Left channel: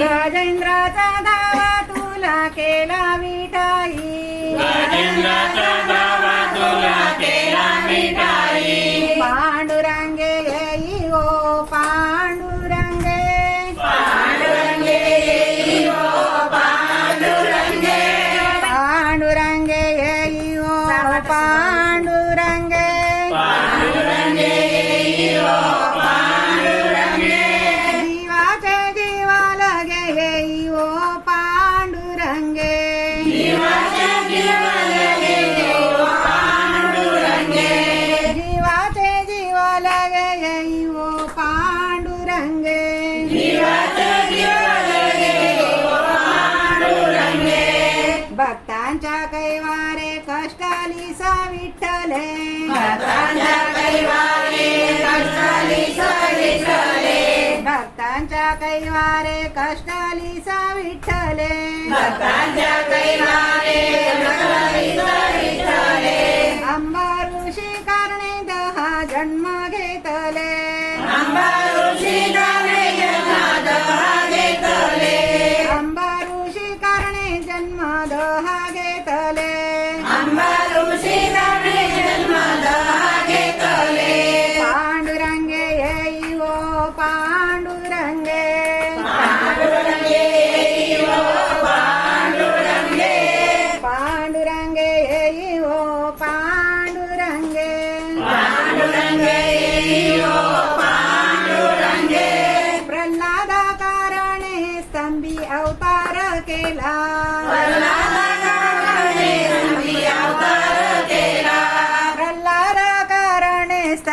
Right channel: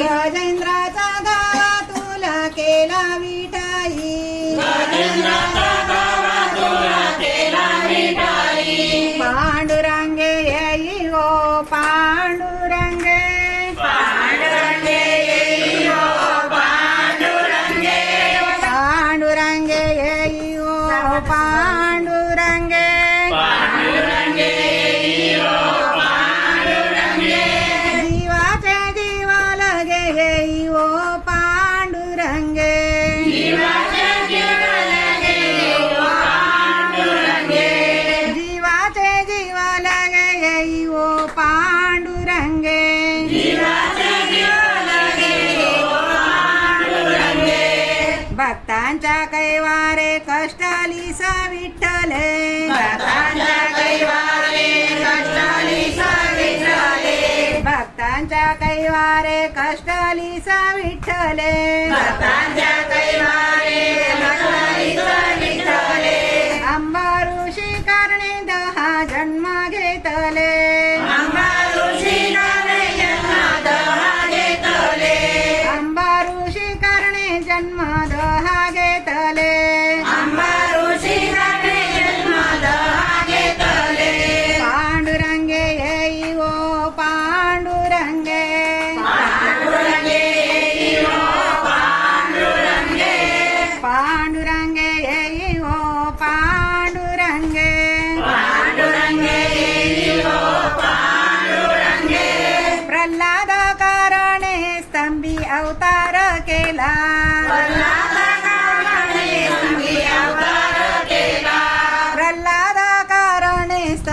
गजेंद्राचा दावा तुला केला विठाई, गजेंद्राचा दावा तुला केला विठाई, पांडुरंगे येई ओ पांडुरंगे, पांडुरंगे येई ओ पांडुरंगे, जीवाचे जीवा लगे येई ओ पांडुरंगे, जीवाचे जीवा लगे येई ओ पांडुरंगे, भक्तांच्या कैवारे कष्टाली सा विठ्ठले, भक्तांच्या कैवारे कष्टाली सा विठ्ठले, अंबाऋषी करणे 10 जन्म घेतले, अंबाऋषी करणे जन्म 10 घेतले, पांडुरंगे येई ओ पांडुरंगे, पांडुरंगे येई ओ पांडुरंगे, प्रल्हाद कारणे स्तंभी अवतार केला, प्रल्हाद कारणे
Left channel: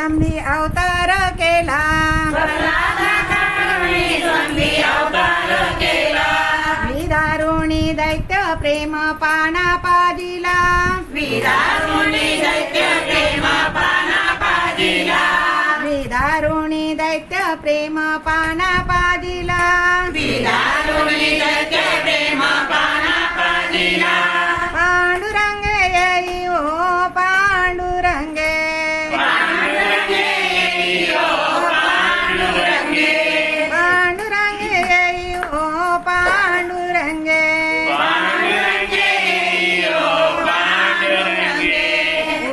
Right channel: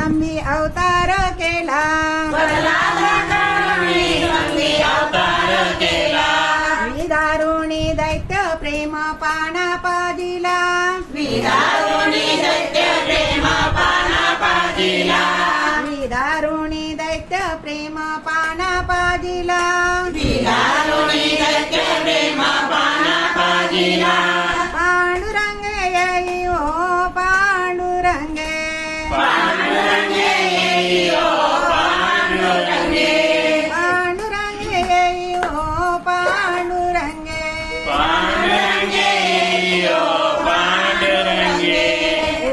स्तंभी अवतार केला, विदारुणी दैत्य प्रेम पाना पाजिला, विदारुणी दैत्य प्रेम पाना पाजिला, पांडुरंगे येई ओ पांडुरंगे, पांडुरंगे येई ओ पांडुरंगे,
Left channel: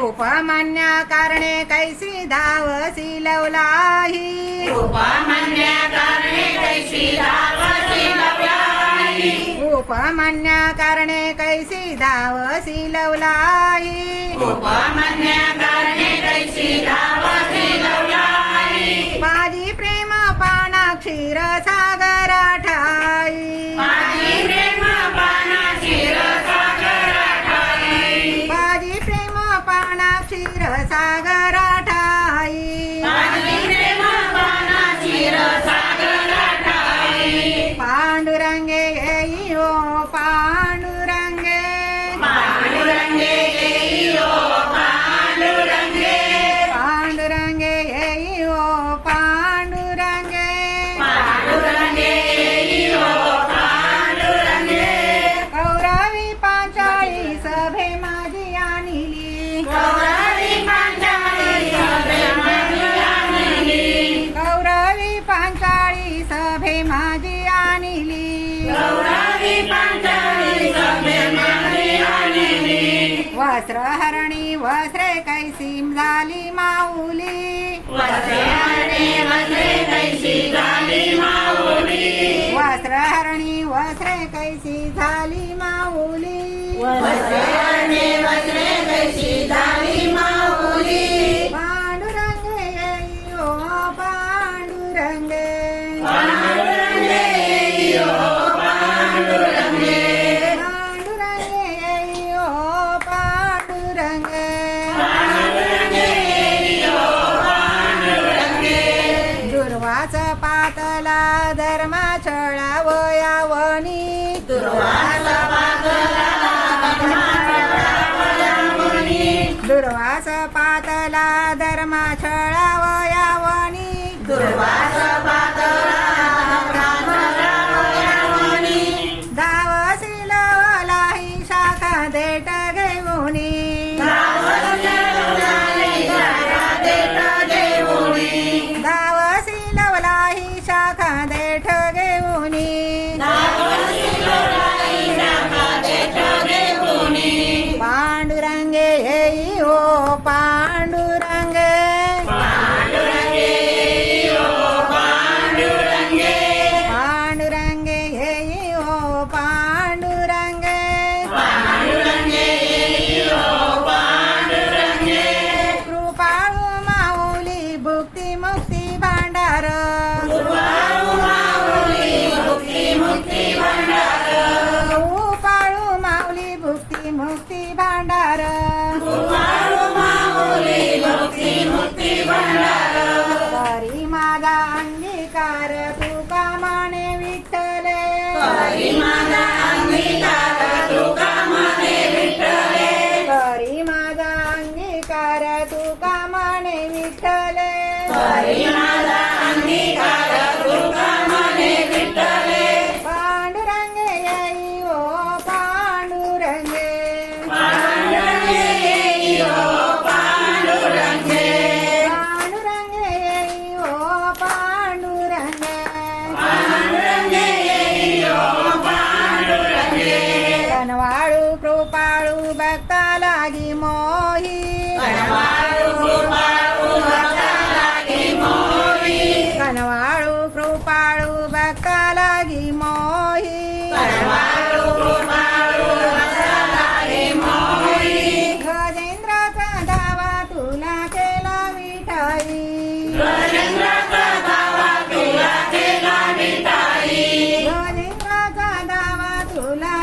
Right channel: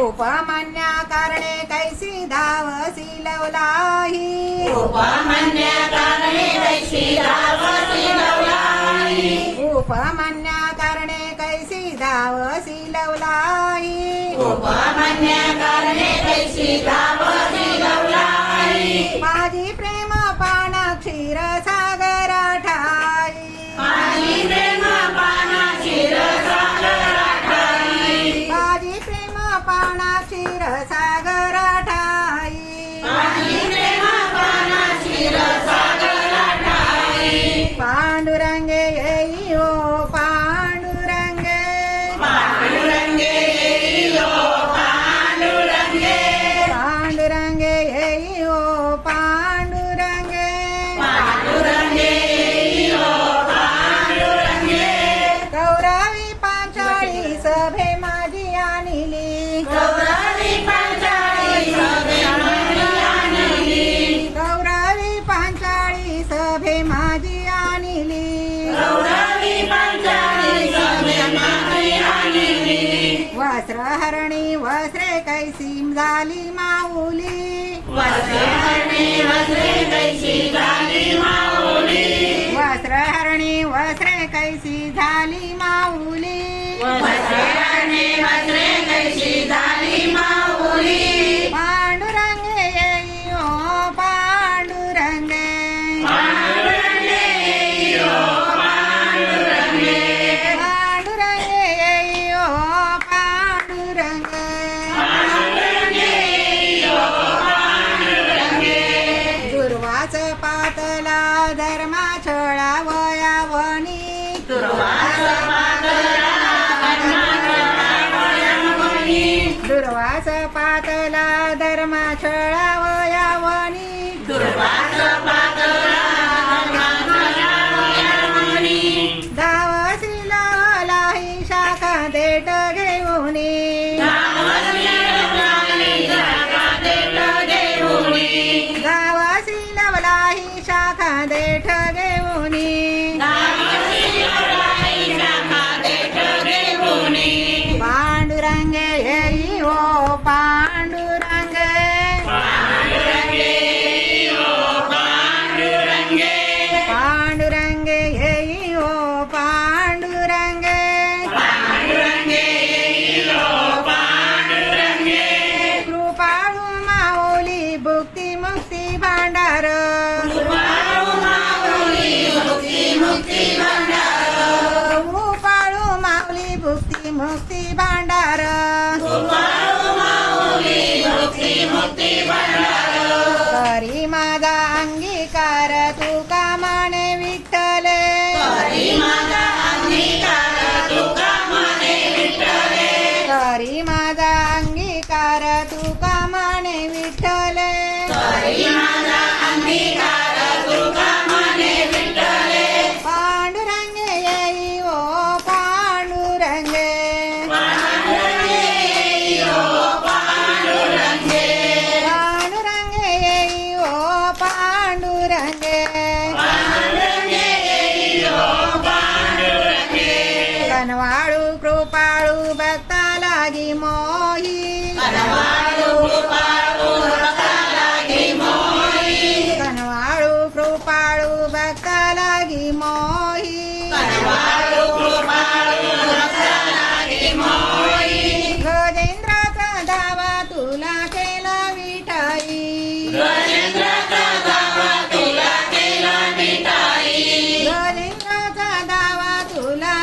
उपमान्य कारणे कैसी धावसी लवलाही, उपमान्य कारणे कैसी धावसी लवलाही, माझी प्रेम पाना क्षीर सागर ठाई, माझी प्रेम पाना क्षीर सागर ठाई, पांडुरंगे येई ओ पांडुरंगे, पांडुरंगे येई ओ पांडुरंगे, कौरवी पांचाळी सभे माझी आणली, कौरवी पांचाळी सभे माझी आणली, वस्त्रहरणी वस्त्रे कैसी झाली माऊली, वस्त्रहरणी वस्त्रे कैसी झाली माऊली, पांडुरंगे येई ओ पांडुरंगे, पांडुरंगे येई ओ पांडुरंगे, दुर्वास पातला धर्म छळावयावनी, दुर्वास पातला दुर्वास पातला धर्म छळावयावनी दावसी लावला ही शाखा देठ घेऊनी दावसी लावला ही शाखा देठ घेऊनी पांडुरंगे येई हो पांडुरंगे पांडुरंगे येई हो पांडुरंगे कृपाळू माऊली भुक्ती मुक्ती भांडार कृपाळू माऊली भुक्ती मुक्ती भांडार करी माझा अंगीकार तुका माने विठ्ठले करी माझा अंगीकार तुका माने विठ्ठले पांडुरंगे येई हो पांडुरंगे पांडुरंगे येई हो पांडुरंगे कनवाळू कृपाळू भक्ता लागी मोही कनवाळू कृपाळू भक्ता लागी मोही गजेंद्राचा दावा तुला केला विठाई गजेंद्राचा दावा तुला